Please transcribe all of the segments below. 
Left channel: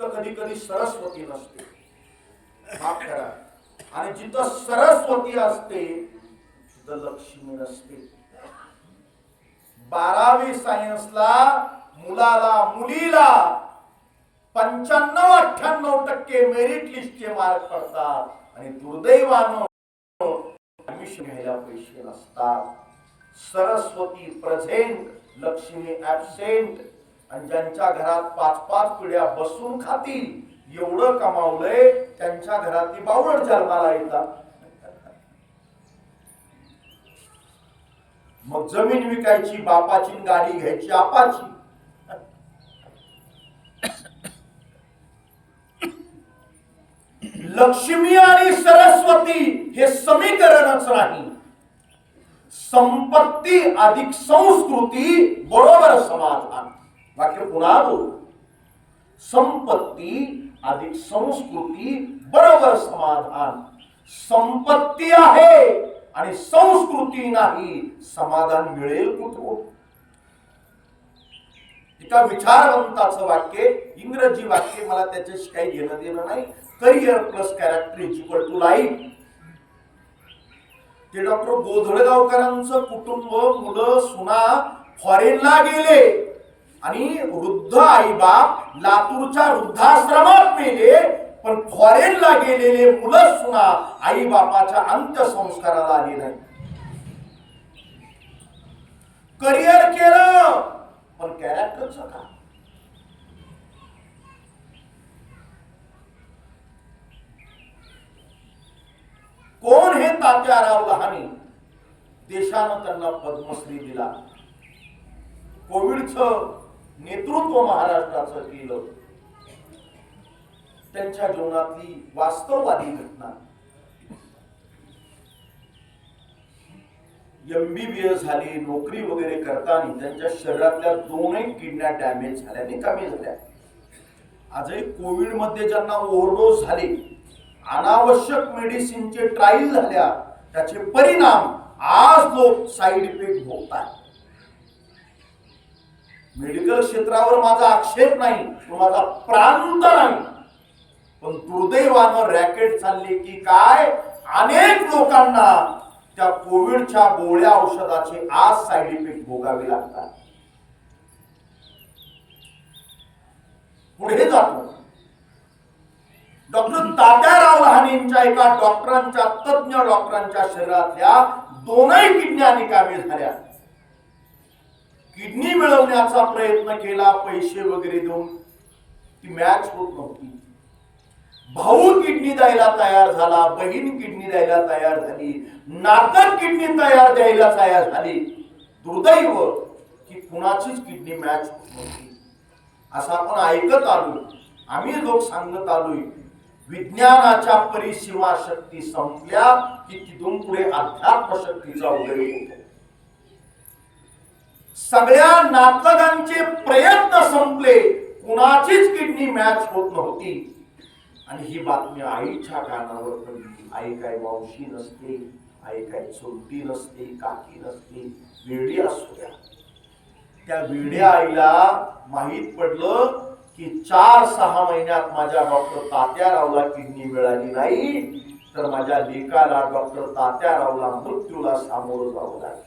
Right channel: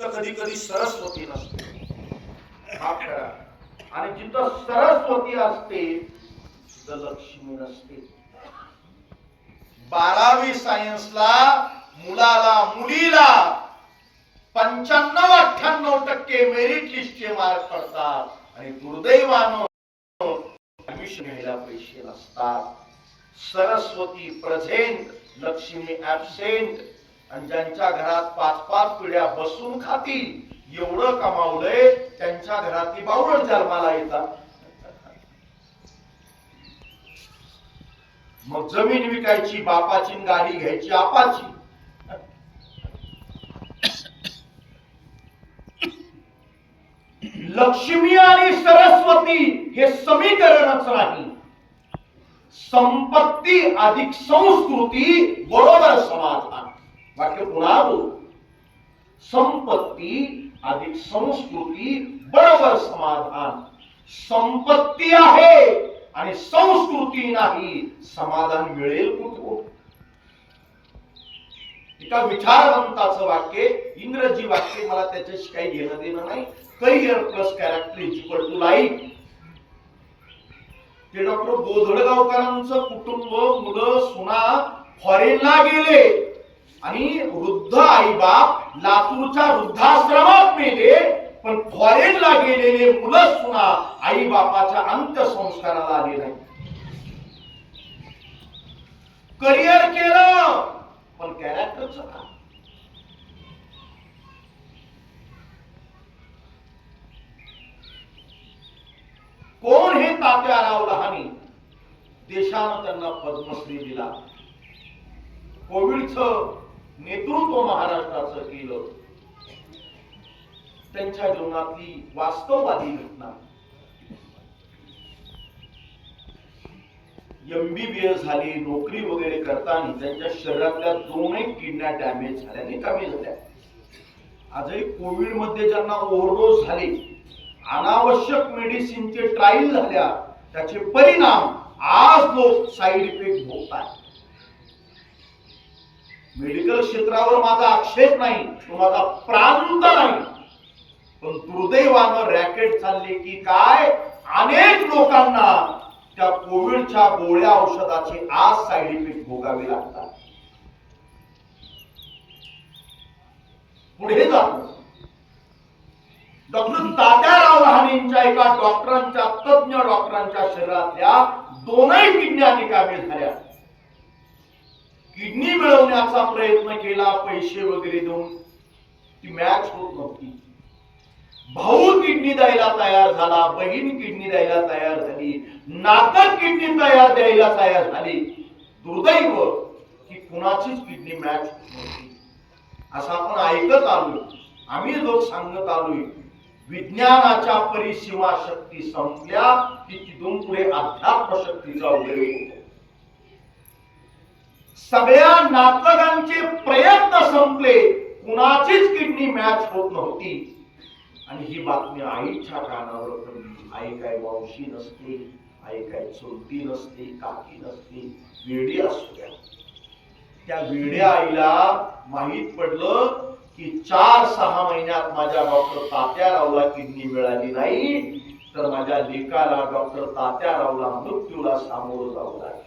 तर कधी कधी सरस्वती नसते, माफ करा, आणि जिथं सरस्वती असते तिथं लक्ष्मी नसते. 12वी सायन्सला मुलाला मुलीला 95-98% मेरिट लिस्टचे मार्क पडतात आणि दुर्दैवानं ऍडमिशनला पैसे नसतात. Saraswati present, Lakshmi absent. आणि ज्यांच्या घरात 5-5 पिढ्या बसून खातील एवढं कमावलंय त्यांच्या घरातली बावळ जन्माला येतात. मग जमीन विकायची बापाची, गाडी घ्यायची आपाची. लक्ष्मी आणि सरस्वती हे समीकरणच नाही. संपत्ती अधिक संस्कृती बरोबर समाधान. वाक्य पुन्हा बोल. संपत्ती अधिक संस्कृती बरोबर समाधान. संपत्ती आहे आणि संस्कृती नाही, समाधान मिळेल कुठून? एका विचारवंताचं वाक्य, इंग्रजी वाक्य, मला त्याच्याशी काही घेणं देणं नाही. Career plus character is equal to life. ते डॉक्टर गोधळगावकरांचं कुटुंब, मुलं सुना फॉरेनला गेले आणि वृद्ध आई बाप लातूरच्या वृद्धाश्रमात मेले. पण फॉरेनला गेलेले मुलं सुना आई बापाच्या अंत्यसंस्काराला आले नाही. करिअर केलं पण कॅरेक्टरचं का? कोण हे तात्याराव लहाने? देशानं त्यांना पद्मश्री दिला. कोविडचं नेतृत्व महाराष्ट्राचं केलं. त्यांच्या जीवनातली वास्तववादी घटना. MBBS झाली, नोकरी वगैरे करताना त्यांच्या शरीरातल्या 2 किडन्या डॅमेज झाल्या, निकामी झाल्या. आजही कोविड मध्ये ज्यांना ओव्हरडोस झाले, अनावश्यक मेडिसिनचे ट्रायल झाल्या, त्याचे परिणाम आज लोक साईड इफेक्ट भोगतात. मेडिकल क्षेत्रावर माझा आक्षेप नाही, तो माझा प्रांत नाही. पण दुर्दैवानं रॅकेट चालले की काय, अनेक लोकांना त्या कोविडच्या गोळ्या औषधाचे आज साईड इफेक्ट भोगावे लागतात. पुढे जातो. डॉक्टर तात्याराव लहानेंच्या एका डॉक्टरांच्या, तज्ञ डॉक्टरांच्या शरीरातल्या 2 किडन्या निकामी झाल्या. किडनी मिळवण्याचा प्रयत्न केला, पैसे वगैरे देऊन, ती मॅच होत नव्हती. भाऊ किडनी द्यायला तयार झाला, बहीण किडनी द्यायला तयार झाली, नातक किडनी द्यायला तयार झाली. दुर्दैव की कुणाचीच किडनी मॅच होत नव्हती. असं आपण ऐकत आलोय, आम्ही लोक सांगत आलोय. विज्ञानाच्या परिसीमा शक्ती संपल्या की तिथून पुढे अध्यात्म शक्तीचा उदय होतो. सगळ्या नातलगांचे प्रयत्न संपले, कुणाचीच किडनी मॅच होत नव्हती. आणि ही बातमी आईच्या कानावर पडली. आई काय वंशी नसते, आई काय चुलती नसते, काकी नसते, वेडी असू द्या. त्या वेड्या आईला माहित पडलं की 4-6 महिन्यात माझ्या डॉक्टर तात्यारावला किडनी मिळाली नाही तर माझ्या लेकाला, डॉक्टर तात्यारावला, मृत्यूला सामोरं जावं लागेल.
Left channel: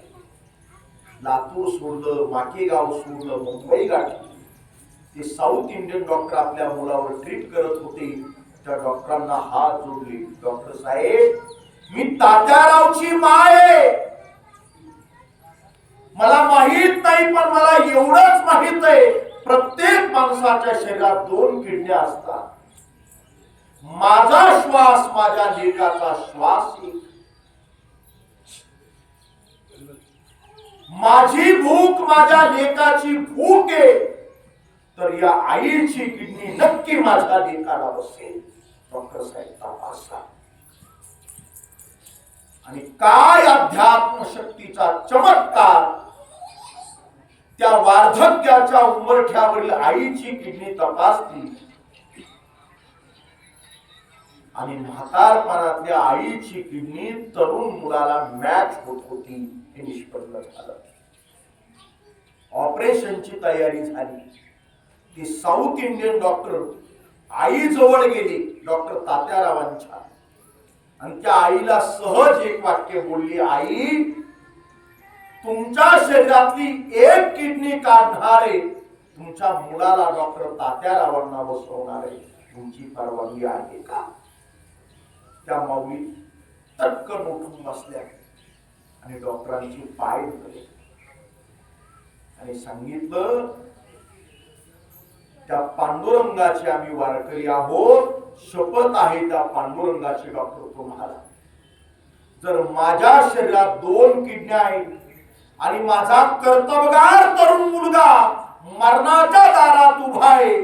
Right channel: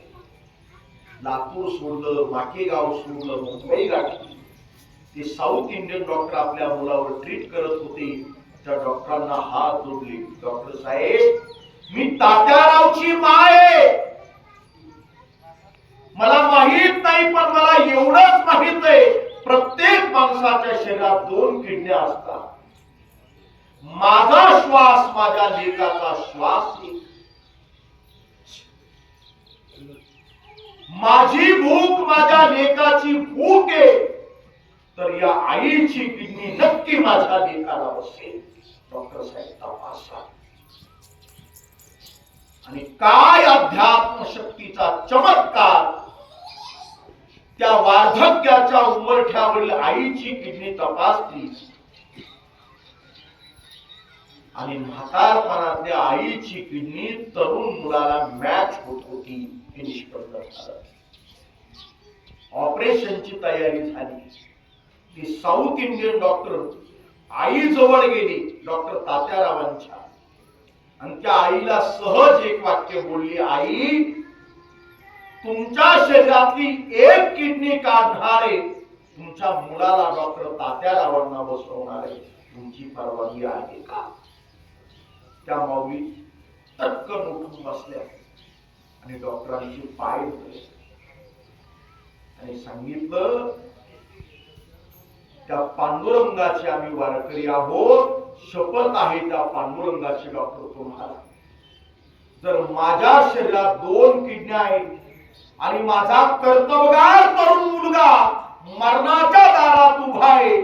लातूर सोडलं, माकेगाव सोडलं, मुंबई गाठली. ते साऊथ इंडियन डॉक्टर आपल्या मुलावर ट्रीट करत होते. त्या डॉक्टरांना हात जोडले. डॉक्टर साहेब, मी तात्यारावची माय आहे. मला माहित नाही, पण मला एवढंच माहित आहे, प्रत्येक माणसाच्या शरीरात 2 किडन्या असतात. माझा श्वास माझ्या लेकाचा श्वास आहे. माझी भूक माझ्या लेकाची भूक आहे. तर या आईची किडनी नक्की माझ्या लेकाला बसेल. डॉक्टर साहेब तपासा. आणि काय अध्यात्म शक्तीचा चमत्कार. त्या वार्धक्याच्या उंबरठ्यावरील आईची किडनी तपासली आणि म्हातारपणातल्या आईची किडनी तरुण मुलाला मॅच होत होती. हे निष्पन्न झालं. ऑपरेशनची तयारी झाली. की साऊथ इंडियन डॉक्टर आई जवळ गेली डॉक्टर तात्यारावांच्या, आणि त्या आईला सहज एक वाक्य बोलली, आई तुमच्या शरीरातली एक किडनी काढणारे तुमच्या मुलाला डॉक्टर तात्यारावांना बसवणारे तुमची परवानगी आहे का? त्या माऊली टक्कन उठून बसल्या आणि डॉक्टरांची पाय धरले आणि सांगितलं, त्या पांडुरंगाचे आम्ही वारकरी आहोत, शपथ आहे त्या पांडुरंगाचे डॉक्टर तुम्हाला, जर माझ्या शरीरात 2 किडन्या आहेत आणि माझा कर्तबगार तरुण मुलगा मरणाच्या दारात उभा आहे,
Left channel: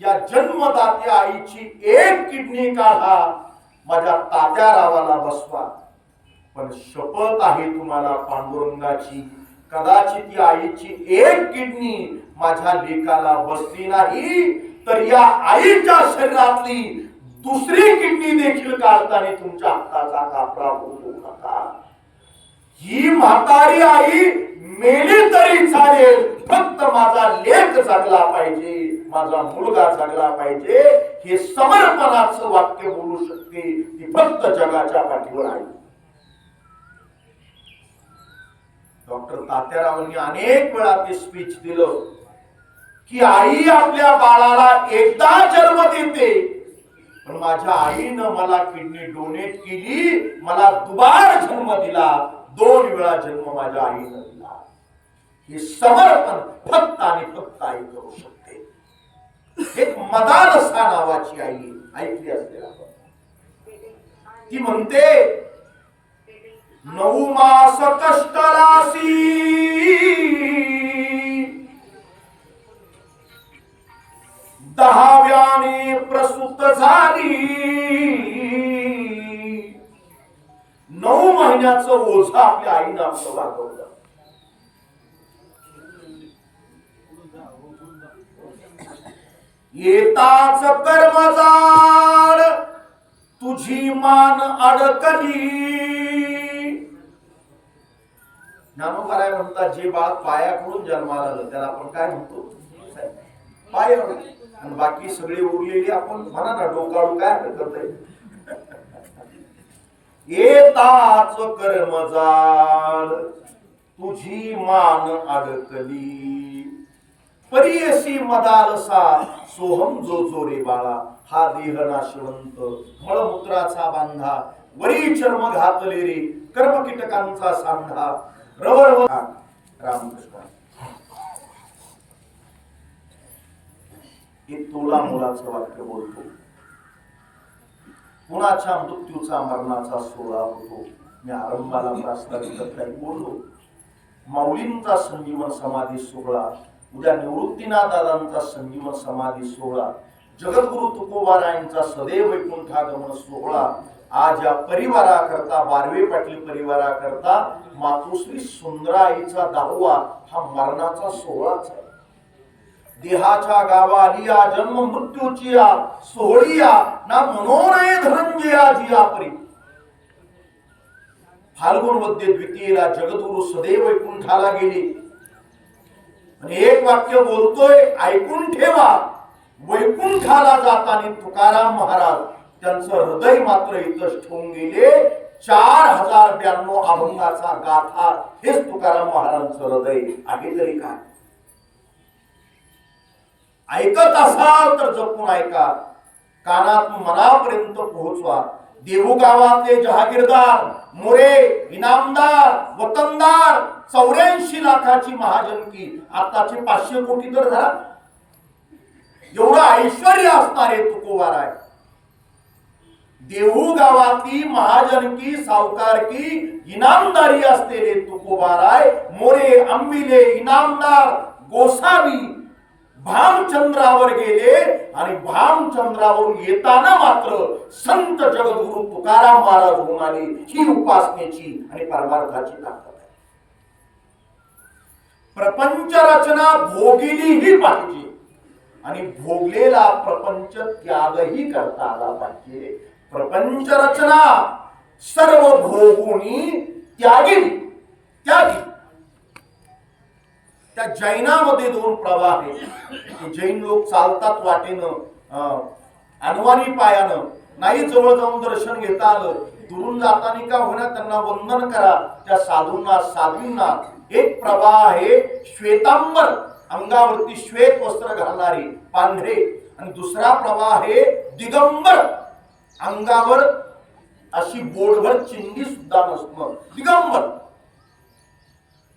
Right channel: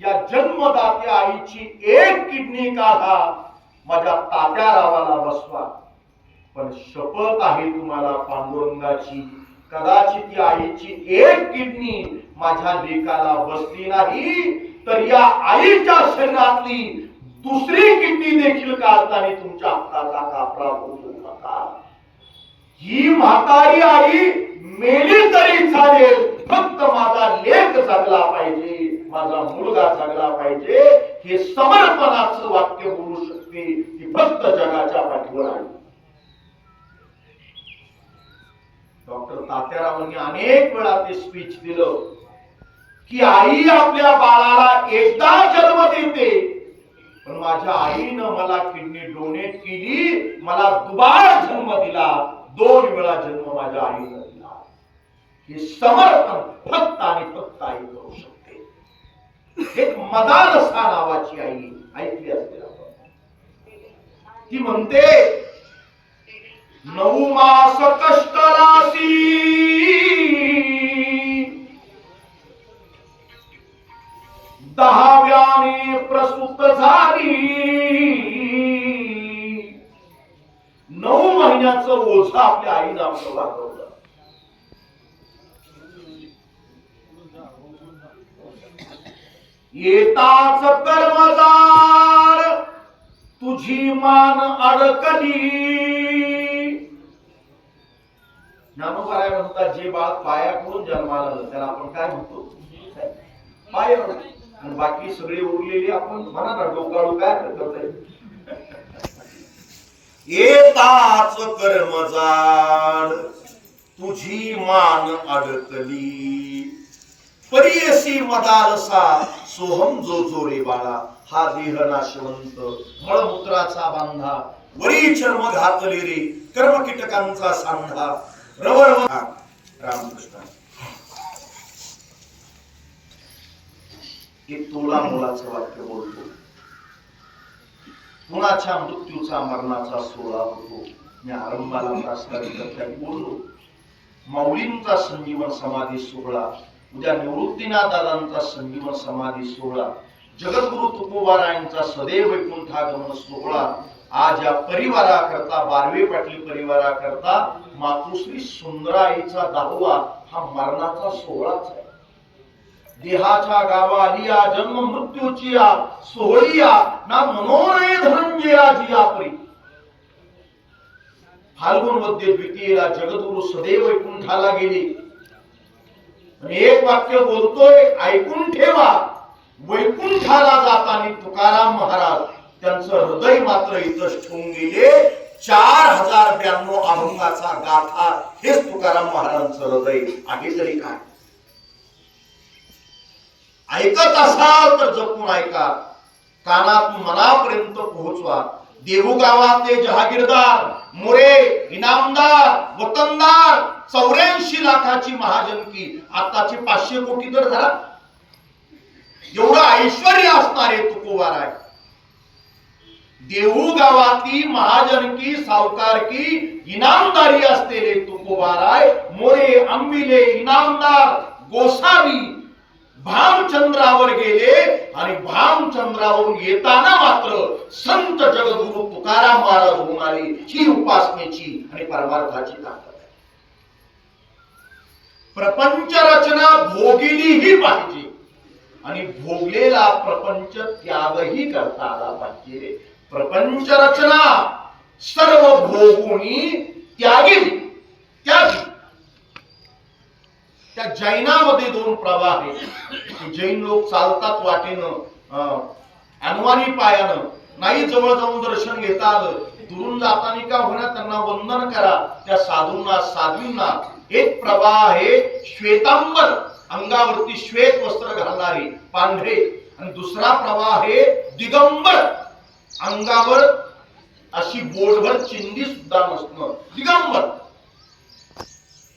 या जन्मदात्या आईची एक किडनी काढा, माझ्या तात्यारावाला बसवा, पण शपथ आहे तुम्हाला पांडुरंगाची, कदाचित या आईची एक किडनी माझ्या लेकाला बसली नाही तर या आईच्या शरीरातली दुसरी किडनी देखील काढताना तुमच्या हाताचा कापरा होऊ नका. ही म्हातारी आई मेली तरी चालेल, फक्त माझा लेक जगला पाहिजे, माझा मुलगा जगला पाहिजे, हे समर्पणाचं वाक्य बोलू शकते ती फक्त जगाच्या पाठीवर आहे. डॉक्टर तात्यारावांनी अनेक वेळा ते स्पीच दिलं की आई आपल्या बाळाला एकदा जन्म देते, पण माझ्या आईनं मला किडनी डोनेट केली, मला दुबार जन्म दिला, 2 वेळा जन्म माझ्या आईनं दिला. हे समर्पण फक्त आणि फक्त आई करू शकते. एक मदालसा नावाची आई ऐकली असेल आपण, ती म्हणते 9 मास कष्टराशी 10व्याने प्रसूत झाली, 9 महिन्याचं ओझं आपल्या आईनं आपलं वागवलं. येताच कर्मजाड तुझी मान अडकली. ज्ञानोबा म्हणतात, जे बाळ पायाकडून जन्माला आलं त्याला आपण काय म्हणतो? पायावर. आणि बाकी सगळे उरलेली आपण म्हणा ना डोकाळू काय करताय. येताच कर्मजाड तुझी मान अडकली, परियसी मदालसा सोहम जो जोरे बाळा, हा देह नाशवंत मळमूत्राचा बांधा, वरी चर्म घातले रे कर्म कीटकांचा सांधा, रवळ. रामकृष्ण एक तोला मुलाचं वाक्य बोलतो, कुणाच्या मृत्यूचा मरणाचा सोहळा होतो. मी आरंभाला प्रास्ताविकात बोललो, माऊलींचा संजीवन समाधी सोहळा, उद्या निवृत्तीनाथांचा संजीवन समाधी सोहळा, जगद्गुरु तुकोबारायांचा सदैव वैकुंठागमन सोहळा, आज या परिवाराकरता, बारवे पाटील परिवाराकरता मातुश्री सुंदराईचा 10वा हा मरणाचा सोहळाच आहे. देहाच्या गावा आलिया जन्म मृत्यूची सोहळिया ना मनोनय धनंजया जिया परी. फाल्गुन मध्ये द्वितीयेला जगद्गुरु सदैव वैकुंठाला गेले आणि एक वाक्य बोलतोय, ऐकून ठेवा, वैकुंठाला जाताना तुकाराम महाराज त्यांचं हृदय मात्र इथंच ठेवून गेले. 4092 अभंगाचा गाथा हेच तुकाराम महाराजांचं हृदय आहे. तरी काय ऐकत असाल तर जपून ऐका, कानात मनापर्यंत पोहोचवा. देहू गावातले जहागीरदार, मोरे, इनामदार, वतनदार, 84 लाखाची महाजनकी, आताची 500 कोटी तर धरा, एवढं ऐश्वर्य असणारे तुकोबार आहे. देहू गावातली महाजनकी, सावकारकी, इनामदारी असलेले तुकोबार आहे. मोरे, अंबिले, इनामदार, गोसावी भामचंद्रावर गेले आणि भामचंद्रावरून येताना मात्र संत जगद्गुरु तुकाराम महाराज होऊन आले. ही उपासनेची आणि परमार्थाची ताकद आहे. प्रपंच रचना भोगलीही पाहिजे आणि भोगलेला प्रपंच त्यागही करता आला पाहिजे. प्रपंच रचना सर्व भोगुनी त्यागी. त्या जैनामध्ये 2 प्रवाह आहेत. जैन लोक चालतात वाटेनं, अनवाणी पायानं नाही जवळ जाऊन दर्शन घेता आलं, दुरून जाताना का होण्या त्यांना वंदन करा. त्या साधूंना साध्वींना एक प्रवाह आहे श्वेतांबर, अंगावरती श्वेत वस्त्र घालणारे पांढरे, आणि दुसरा प्रवाह आहे दिगंबर, अंगावर अशी बोटभर चिंदी सुद्धा नसणं दिगंबर.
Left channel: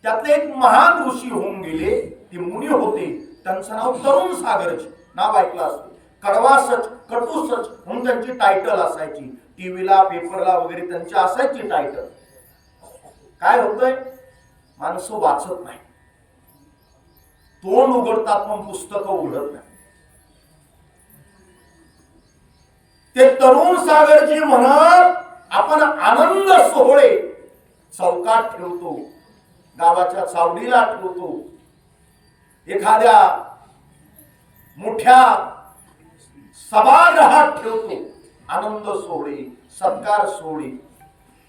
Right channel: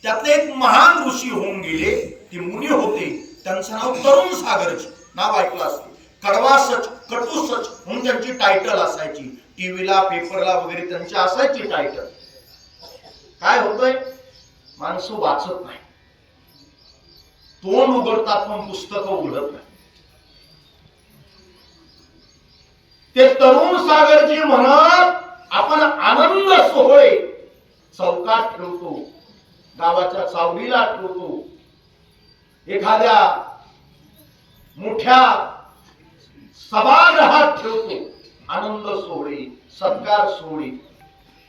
त्यातले एक महान ऋषी होऊन गेले, ते मुनी होते, त्यांचं नाव तरुण सागरजी, नाव ऐकलं असते. कडवा सच कटू सच म्हणून त्यांची टायटल असायची, टीव्हीला पेपरला वगैरे त्यांची असायची टायटल. काय होतंय, माणसं वाचत नाही, तोंड उघडतात पण पुस्तकं उघडत नाही. ते तरुण सागरजी म्हणत, आपण आनंद सोहळे चौकात ठेवतो, गावाच्या चावडीला ठेवतो, एखाद्या मोठ्या सभागृहात ठेवतो, आनंद सोहळे सत्कार सोहळे,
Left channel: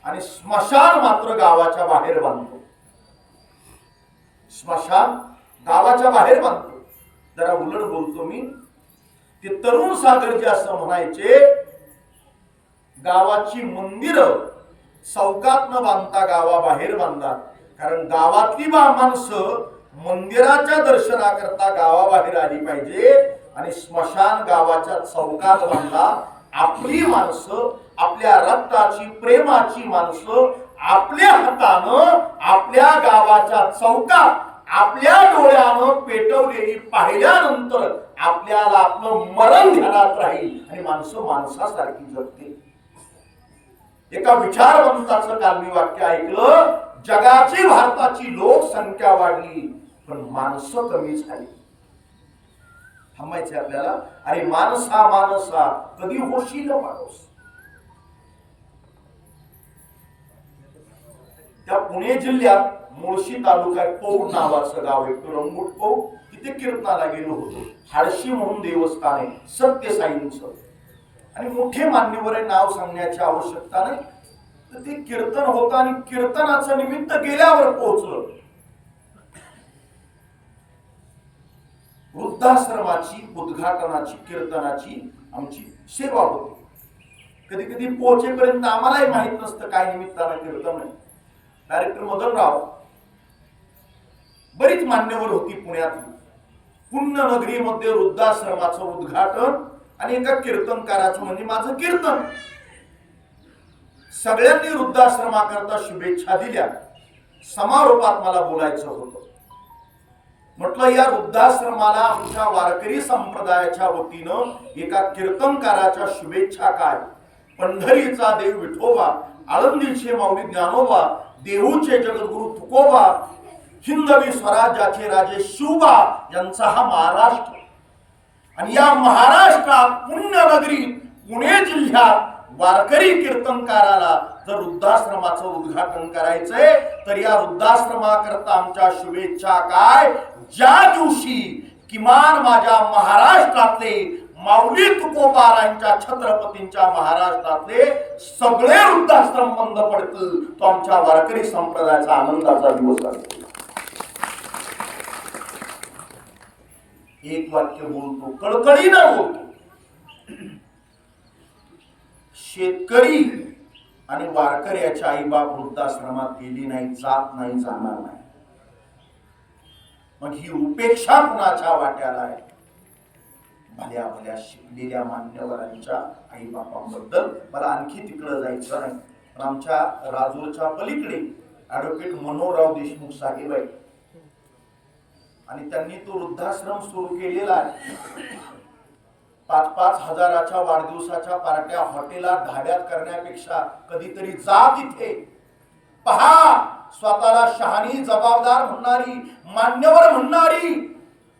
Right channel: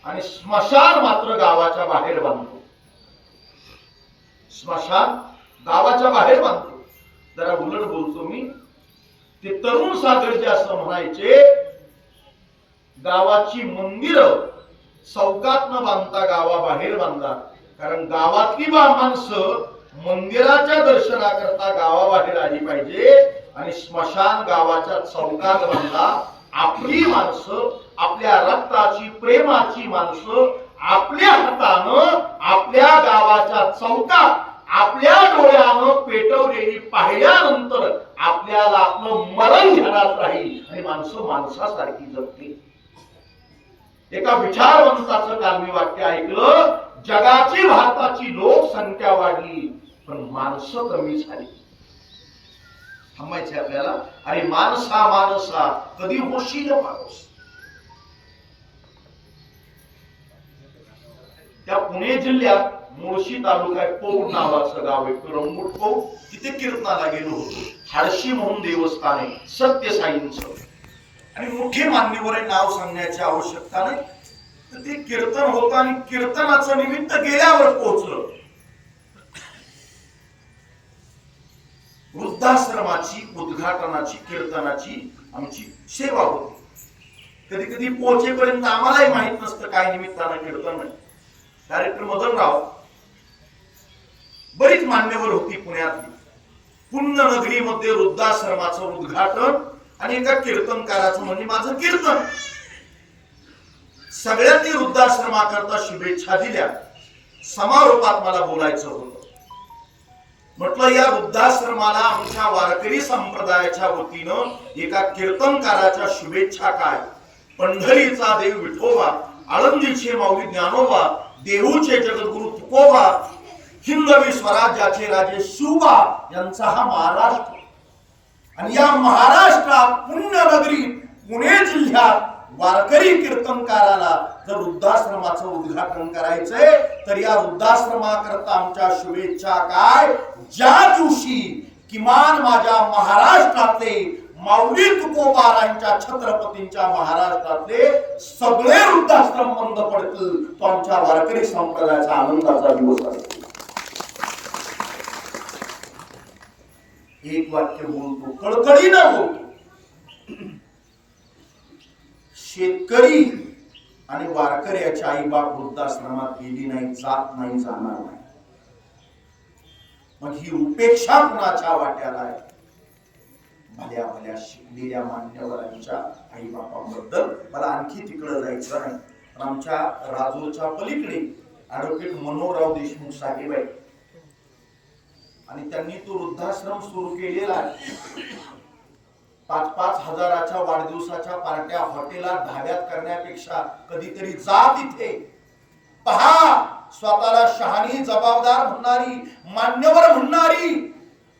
आणि स्मशान मात्र गावाच्या बाहेर बांधतो. स्मशान गावाच्या बाहेर बांधतो. जरा उलट बोलतो मी, ते तरुण सागरजी असं म्हणायचे, गावाची मंदिरं चौकात न बांधता गावाबाहेर बांधा, कारण गावातली माणसं मंदिराच्या दर्शनाकरता गावाबाहेर आली पाहिजे, आणि स्मशान गावाच्या चौकात बांधा. आपली माणसं, आपल्या रक्ताची प्रेमाची माणसं आपल्या हातानं आपल्या गावाच्या चौकात आपल्या डोळ्यानं पेटवलेली पाहिल्यानंतर आपल्याला आपलं मरण ध्यानात राहील, आणि माणसं माणसासारखी जगतील. एका विचारवंताचं काल मी वाक्य ऐकलं, जगाची भारताची लोकसंख्या वाढली पण माणसं कमी झाली. थांबायचे आपल्याला, अरे माणसा माणसा कधी होशील माणूस. त्या पुणे जिल्ह्यात मुळशी तालुक्यात पौड नावाचं गाव आहे, रंगूट पौड, तिथे कीर्तनाला गेलो होतो. हाडशी म्हणून देवस्थान आहे सत्यसाईंचं, आणि मोठे मान्यवर नाव सांगण्याची आवश्यकता नाही. तर ते कीर्तन होतं, आणि कीर्तनाचं निमित्त गेल्यावर पोहोचलं. वृद्धाश्रमाची उद्घाटनाची कीर्तनाची आमची सेवा होती. कधी कधी पोहोचेपर्यंत आम्हालाही माहित नसतं काय निमित्तानं कीर्तन आहे. डायरेक्टर मदनराव, बरीच मान्यवर होती पुण्यातली. पुण्यनगरीमध्ये वृद्धाश्रमाचं उद्घाटन आणि एका कीर्तनकाराचं, म्हणजे माझं कीर्तन. सगळ्यांनी वृद्धाश्रमाकरता शुभेच्छा दिल्या. समारोपात मला बोलायचं होतं. म्हटलं या वृद्धाश्रमाला आमच्या वारकरी संप्रदायाच्या वतीनं एका कीर्तनकाराच्या शुभेच्छा काय. पंढरीचा देव विठोबा, आळंदीचे माऊली ज्ञानोबा, देहूचे जगद्गुरु तुकोबा, हिंदवी स्वराज्याचे राजे शिवबा यांचा हा महाराष्ट्र. आणि या महाराष्ट्रात पुण्यनगरीत पुणे जिल्ह्यात वारकरी कीर्तनकाराला जर वृद्धाश्रमाचं उद्घाटन करायचंय, तर या वृद्धाश्रमाकरता आमच्या शुभेच्छा काय. ज्या दिवशी किमान माझ्या महाराष्ट्रातले माऊली तुकोबारांच्या छत्रपतींच्या महाराष्ट्रातले सगळे वृद्धाश्रम बंद पडतील, तो आमच्या वारकरी संप्रदायाचा आनंदाचा दिवस असतो. एक वाक्य बोलतो, कळकळीनं बोलतो. शेतकरी आणि वारकऱ्याच्या आई बाप वृद्धाश्रमात गेली नाही, जात नाही, जाणार नाही. मग ही उपेक्षा कुणाच्या वाट्याला आहे. भल्या भल्या शिकलेल्या मान्यवरांच्या आई बापांबद्दल मला आणखी तिकडे जायचं नाही, पण आमच्या राजूरच्या पलीकडे ऍडव्होकेट मनोहरराव देशमुख साहेब आहे, आणि त्यांनी तो वृद्धाश्रम सुरू केलेला आहे. 5-5 हजाराच्या वाढदिवसाच्या पार्ट्या हॉटेलात ढाब्यात करण्यापेक्षा कधीतरी जा तिथे, पहा. स्वतःला शहाणी, जबाबदार म्हणणारी, मान्यवर म्हणणारी,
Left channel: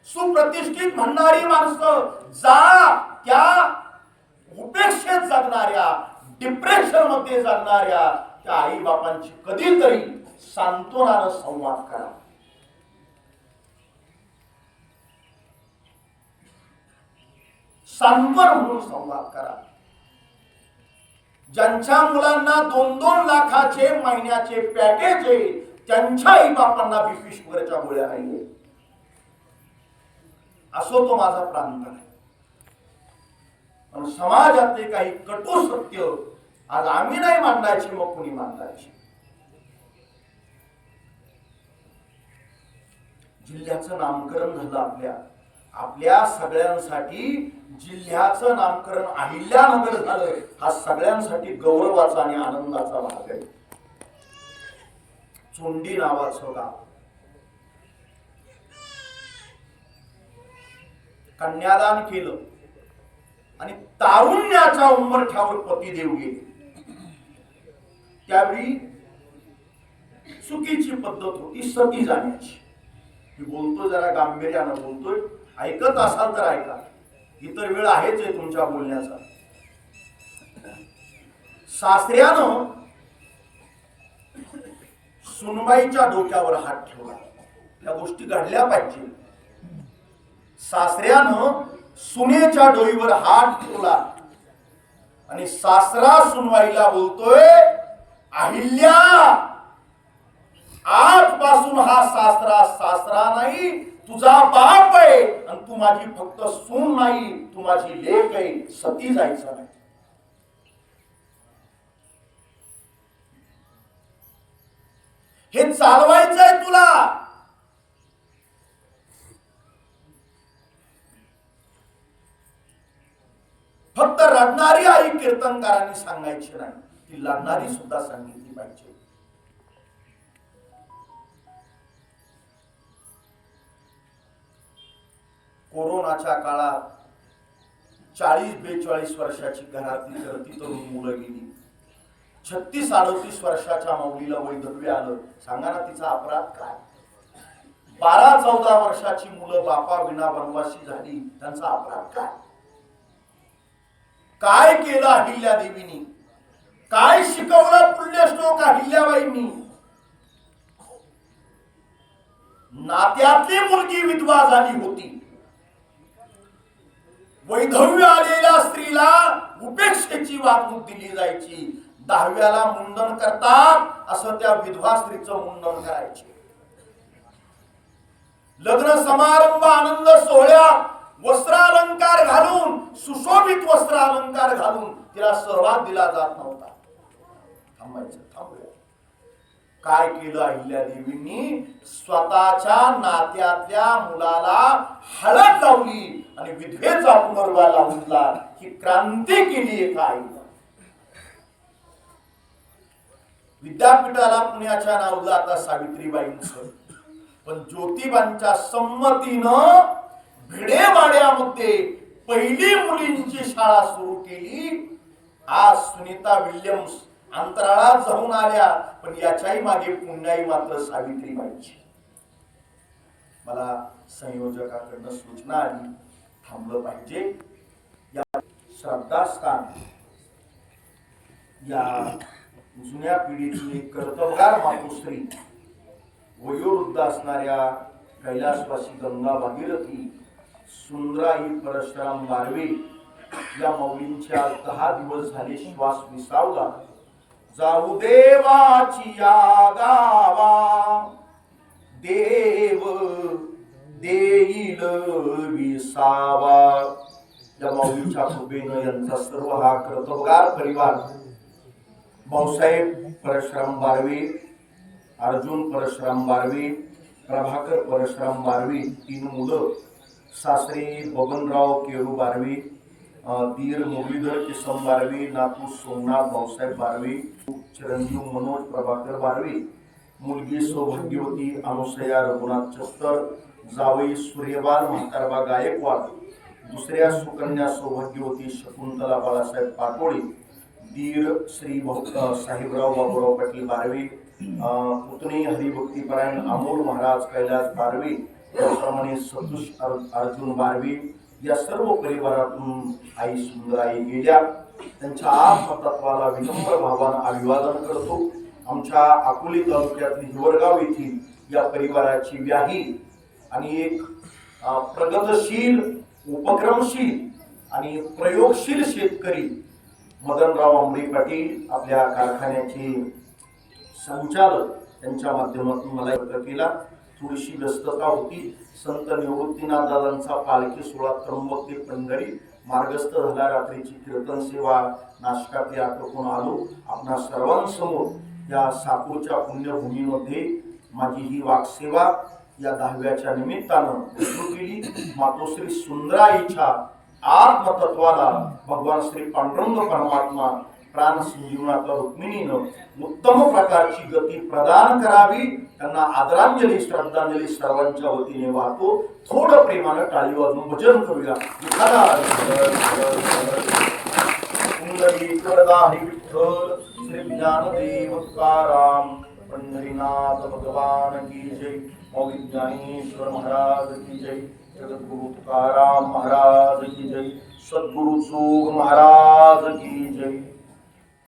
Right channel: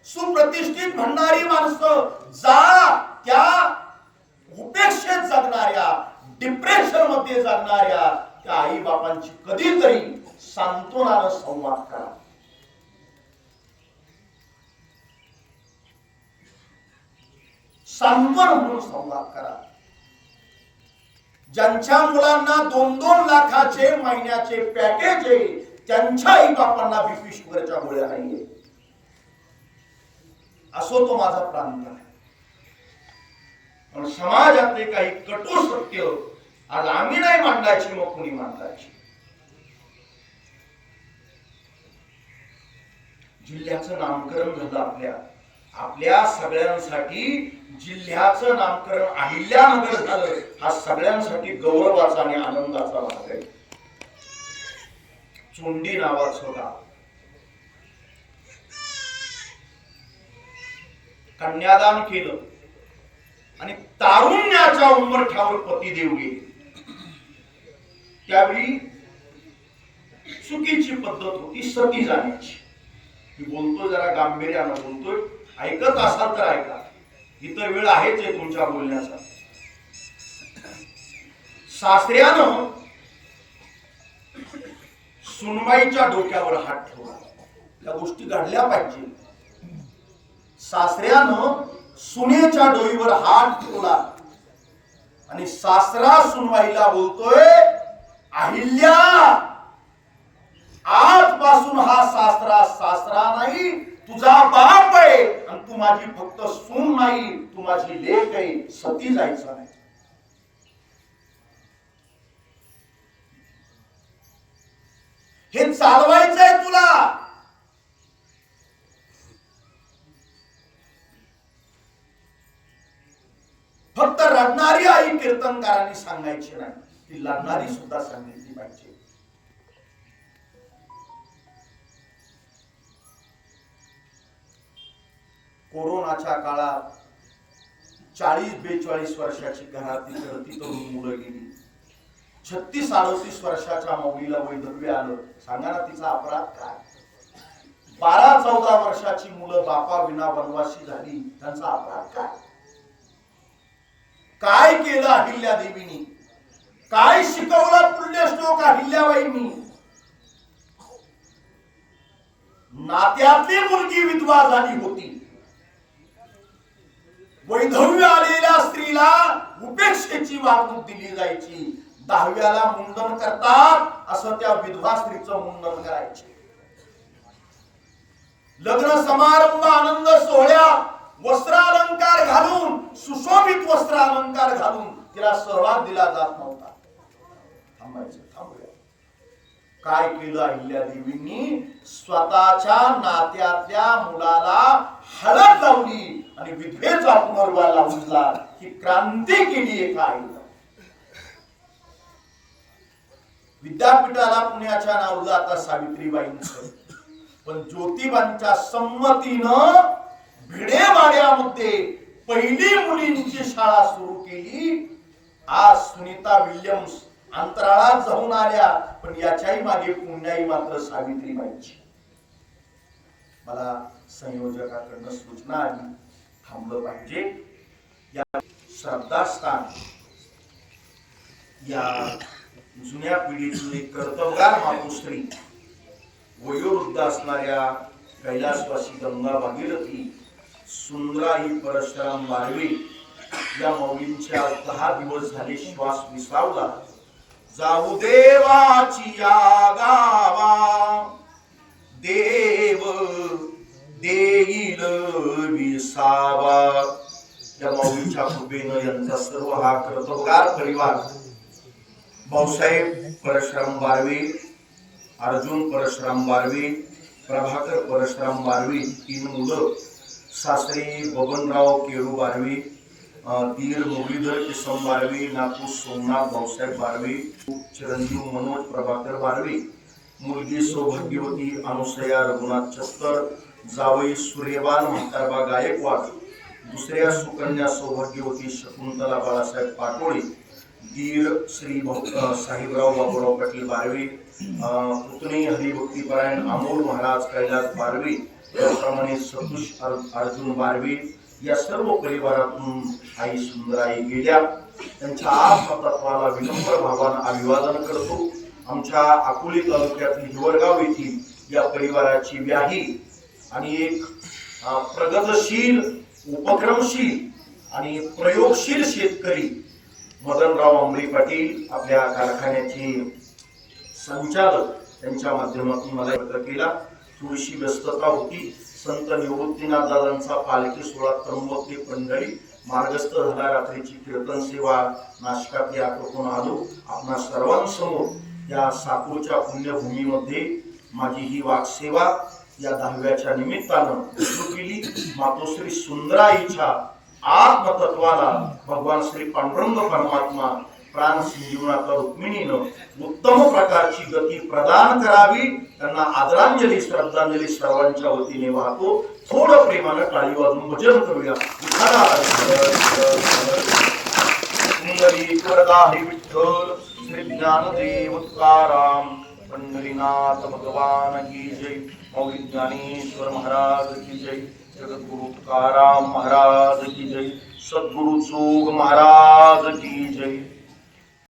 सुप्रतिष्ठित म्हणणारी माणसं जा. त्या उपेक्षेत जगणाऱ्या, डिप्रेशन मध्ये जगणाऱ्या त्या आई बापांची कधीतरी सांत्वनानं संवाद करा. सांत्वन म्हणून संवाद करा. ज्यांच्या मुलांना 2-2 लाखाचे महिन्याचे पॅकेज आहे, त्यांच्या आई बापांना बीपी शुगरच्या गोळ्या नाहीये. असो तो माझा प्रांत नाही. पण समाजातले काही कटू सत्य आज आम्ही नाही मांडायची, मग कुणी मांडायची? जिल्ह्याचं नामकरण झालं आपल्या सगळ्यांसाठी. जिल्ह्याचं नामकरण अहिल्यानगर झालं, हा सगळ्यांसाठी गौरवाचा आणि आनंदाचा भाग आहे. चोंडी नावाचं गाव, कन्यादान केलं आणि तारुण्याच्या उंबरठ्यावर पतिदेव गेले. त्यावेळी चुकीची पद्धत होती सती जाण्याची. मी बोलतोय जरा गांभीर्यानं बोलतोय, ऐकत असाल तर ऐका, इतर वेळ आहेच आहे तुमच्या बोलण्याचा. सासऱ्यानं सुनबाईच्या डोक्यावर हात ठेवला. या गोष्टी घडल्या पाहिजे. सासऱ्यानं सुनेच्या डोईवर हात ठेवला आणि सासरा सुनबाईला बोलतोय, अहिल्या, आजपासून हा सासरा सासरा नाही, तुझा बाप आहे. आणि तू माझी फक्त सून नाही, तू माझी लेक आहे. सती जायचं नाही. हे चालवायचंय तुला. फक्त रडणारी आई कीर्तनकारांनी सांगायची नाही, ती लढणारी सुद्धा सांगितली पाहिजे. कोरोनाच्या काळात 40-42 वर्षाची घरातली करती तरुण मुलं गेली. 36-38 वर्षाच्या मौलीला वैधव्य आलं. सांगा ना तिचा अपराध काय? 12-14 वर्षाची मुलं बापा विना वनवासी झाली. त्यांचा अपराध काय? काय केलं अहिल्या देवीनी? काय शिकवलं पुण्यश्लोक अहिल्याबाईंनी? नात्यातली मुलगी विधवा झाली होती. वैधव्य आलेल्या स्त्रीला उपेक्षेची वागणूक दिली जायची. 10व्याला मुंडन करतात असं त्या विधवा स्त्रीचं मुंडन करायचे. लग्न समारंभ आनंद सोहळ्यात वस्त्रालंकार घालून, सुशोभित वस्त्रालंकार घालून तिला सहभाग दिला जात नव्हता. थांबायचं, थांबूया. काय केलं अहिल्या देवींनी? स्वतःच्या नात्यातल्या मुलाला हळद लावली आणि विधवेचा पुनर्वा लावला. ही क्रांती केली आहे काय? विद्यापीठाला पुण्याच्या नावलं आता सावित्रीबाईंचं, पण ज्योतिबांच्या संमतीनं भिडेवाड्यामध्ये पहिली मुलींची शाळा सुरू केली. आज सुनीता विल्यम्स अंतराळात जाऊन आल्या, पण याच्याही मागे पुण्याई मात्र सावित्रीबाईंची. मला संयोजकाकडनं सूचना आली, थांबलं पाहिजे. या श्रद्धास्थान या जुन्या पिढीतली कर्तबगार मातोश्री, वयोवृद्ध असणाऱ्या कैलासवासी गंगा भागीरथी, सुंदराई परशुराम बारवे या मौलींच्या 10 दिवस झाले श्वास विसावला. जाऊ देवाची या गावा, देव देईल विसावा. या मौलींच्या कृपेनं यांचा सर्व हा कर्तबगार परिवार, भाऊसाहेब परशुराम बारवे, अर्जुन परशुराम बारवे, प्रभाकर परशुराम बारवे 3 मुलं, सासरे बबनराव केरू बारवे, दीर मुरलीधर किसन बारवे, नातू सोमनाथ भाऊसाहेब बारवे, चिरंजीव मनोज प्रभाकर बारवे, मुलगी सौभाग्यवती अनुसया रघुनाथ छत्तर, जावई सूर्यबान म्हातारबा गायकवाड, दुसऱ्या सुकन्या सौभाग्यवती शकुंतला बाळासाहेब पाटोळे, दीर श्री साहेबराव बाबूराव पाटील बारवे, पुतणी हरिभक्तीपरायण अमोल महाराज कैलास बारवे, त्याप्रमाणे सतुष अर्जुन बारवे. या सर्व परिवारातून आई सुंदराई गेल्या. त्यांच्या आत्मतत्वाला विनम्र भावानं अभिवादन करतो. आमच्या अकोले तालुक्यातील हिवरगाव येथील या परिवाराची व्याही आणि एक प्रगतशील, उपक्रमशील आणि प्रयोगशील शेतकरी मदनराव आंबे पाटील, आपल्या कारखान्याचे संचालक, त्यांच्या माध्यमातून मला व्यक्त केला. थोडीशी व्यस्तता होती. संत निवृत्तीनाथ दादांचा पालखी सोहळा त्र्यंबक पंढरी मार्गस्थ झाला रात्रीची कीर्तन सेवा नाशकात या करून आलो आपणा सर्वांसमोर या साकूरच्या पुण्यभूमीमध्ये माझी ही वाकसेवा या 10व्याच्या निमित्तानं सुरू केली. मातोश्री सुंदराईच्या आत्मतत्वाला भगवान श्री पांडुरंग परमात्मा प्राण संजीवनातल्या रुक्मिणीनं उत्तम प्रकारची गती प्रदान करावी. त्यांना आदरांजली श्रद्धांजली सर्वांच्या वतीने वाहतो. थोडं प्रेमानं टाळी वाजून भजन करूया. हरी विठ्ठल श्री ज्ञानदेव तुकाराम पंढरीनाथ भगवान की जय. मौली ज्ञानेश्वर महाराज की जय. जगद्गुरु तुकाराम महाराज की जय. सद्गुरु जोग महाराज की जय.